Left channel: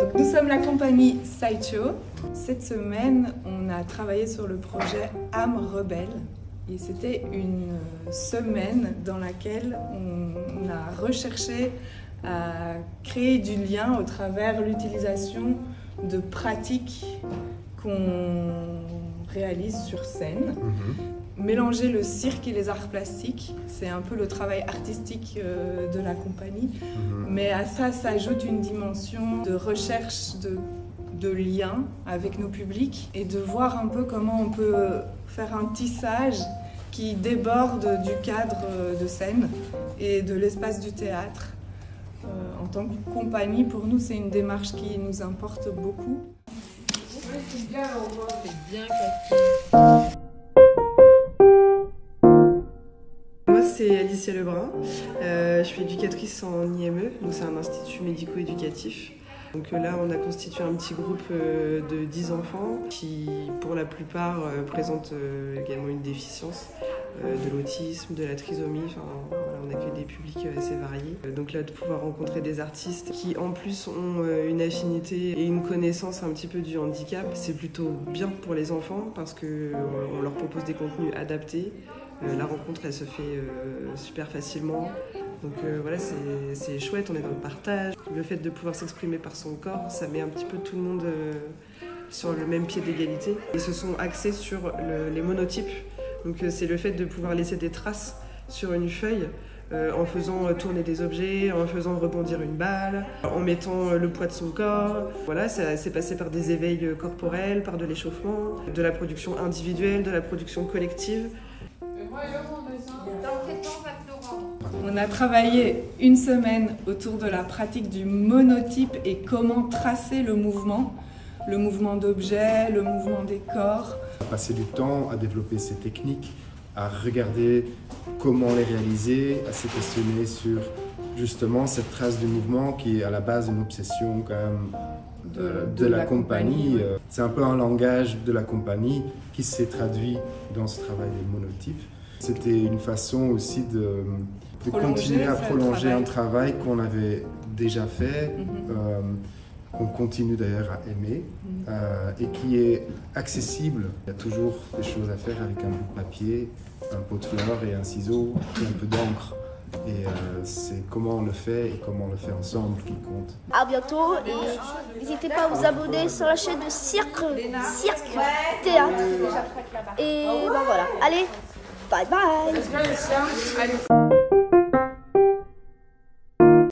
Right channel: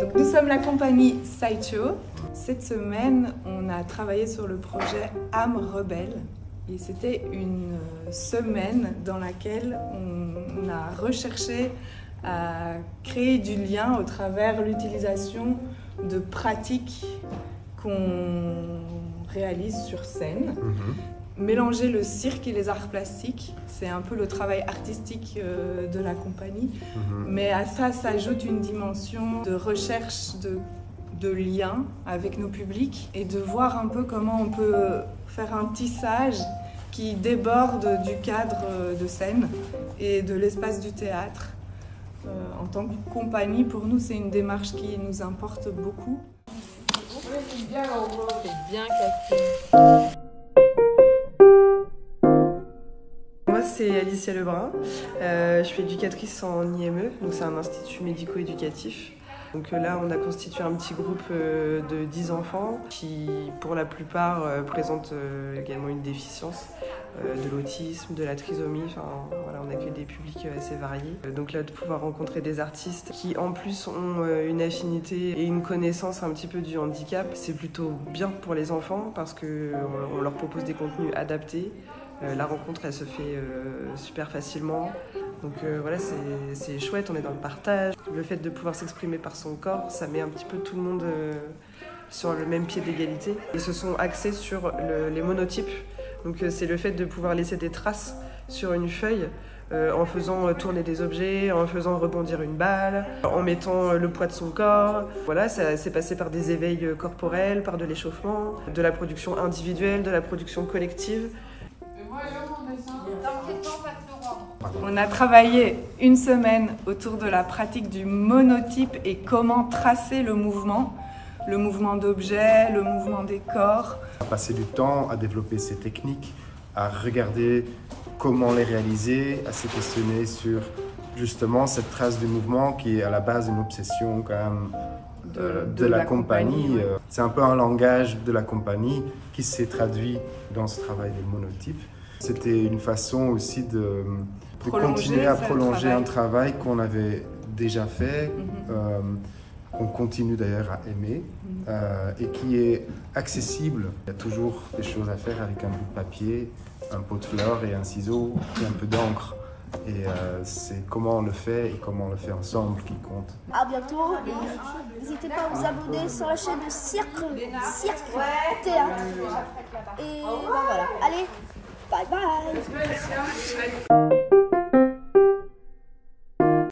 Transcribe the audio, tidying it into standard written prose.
Donc nous sommes la compagnie Sideshow. Cette semaine, on a travaillé sur le projet Âme rebelle. Et c'était une semaine dans laquelle on a recherché à créer du lien au travers l'utilisation de pratiques qu'on réalise sur scène. Mélanger le cirque et les arts plastiques, c'est un peu le travail artistique de la compagnie. Mais à ça s'ajoute une dimension de recherche de lien avec nos publics et de voir un peu comment on peut faire un tissage qui déborde du cadre de scène et de l'espace du théâtre. En tant que compagnie, pour nous, c'est une démarche qui nous importe beaucoup. C'est bien cassé. Moi, c'est Alicia Lebrun. Je suis éducatrice en IME, donc c'est un institut médico-éducatif. Donc là, on a constitué un petit groupe de 10 enfants qui, pour la plupart, présentent également une déficience, de l'autisme, de la trisomie. Enfin, voilà, on accueille des publics assez variés. Donc là, de pouvoir rencontrer des artistes qui, en plus, ont une affinité et une connaissance un petit peu du handicap, c'est plutôt bien pour les enfants parce qu'on leur propose des contenus adaptés. La rencontre, elle se fait super facilement. Donc voilà, c'est chouette, on est dans le partage. Le fait de pouvoir s'exprimer par son corps, ça met un petit peu tout le monde sur le même pied d'égalité. Ils se sont axés sur les monotypes. Donc c'est le fait de pouvoir laisser des traces sur une feuille en faisant tourner des objets, en faisant rebondir une balle, en mettant le poids de son corps. Voilà, ça s'est passé par des éveils corporels, par de l'échauffement, de la production individuelle, de la production collective. On a travaillé une semaine autour de la pratique du monotype et comment tracer le mouvement d'objets, le mouvement des corps. On a passé du temps à développer ces techniques, à regarder comment les réaliser, à se questionner sur justement cette trace du mouvement qui est à la base d'une obsession quand même de la compagnie. C'est un peu un langage de la compagnie qui s'est traduit dans ce travail des monotypes. C'était une façon aussi de continuer à prolonger un travail qu'on avait déjà fait, qu'on continue d'ailleurs à aimer et qui est accessible. Il y a toujours des choses à faire avec un bout de papier, un pot de fleurs et un ciseau et un peu d'encre. Et c'est comment on le fait et comment on le fait ensemble qui compte. À bientôt et n'hésitez pas à vous abonner sur la chaîne de Cirque Théâtre. Et ben voilà, allez, bye bye.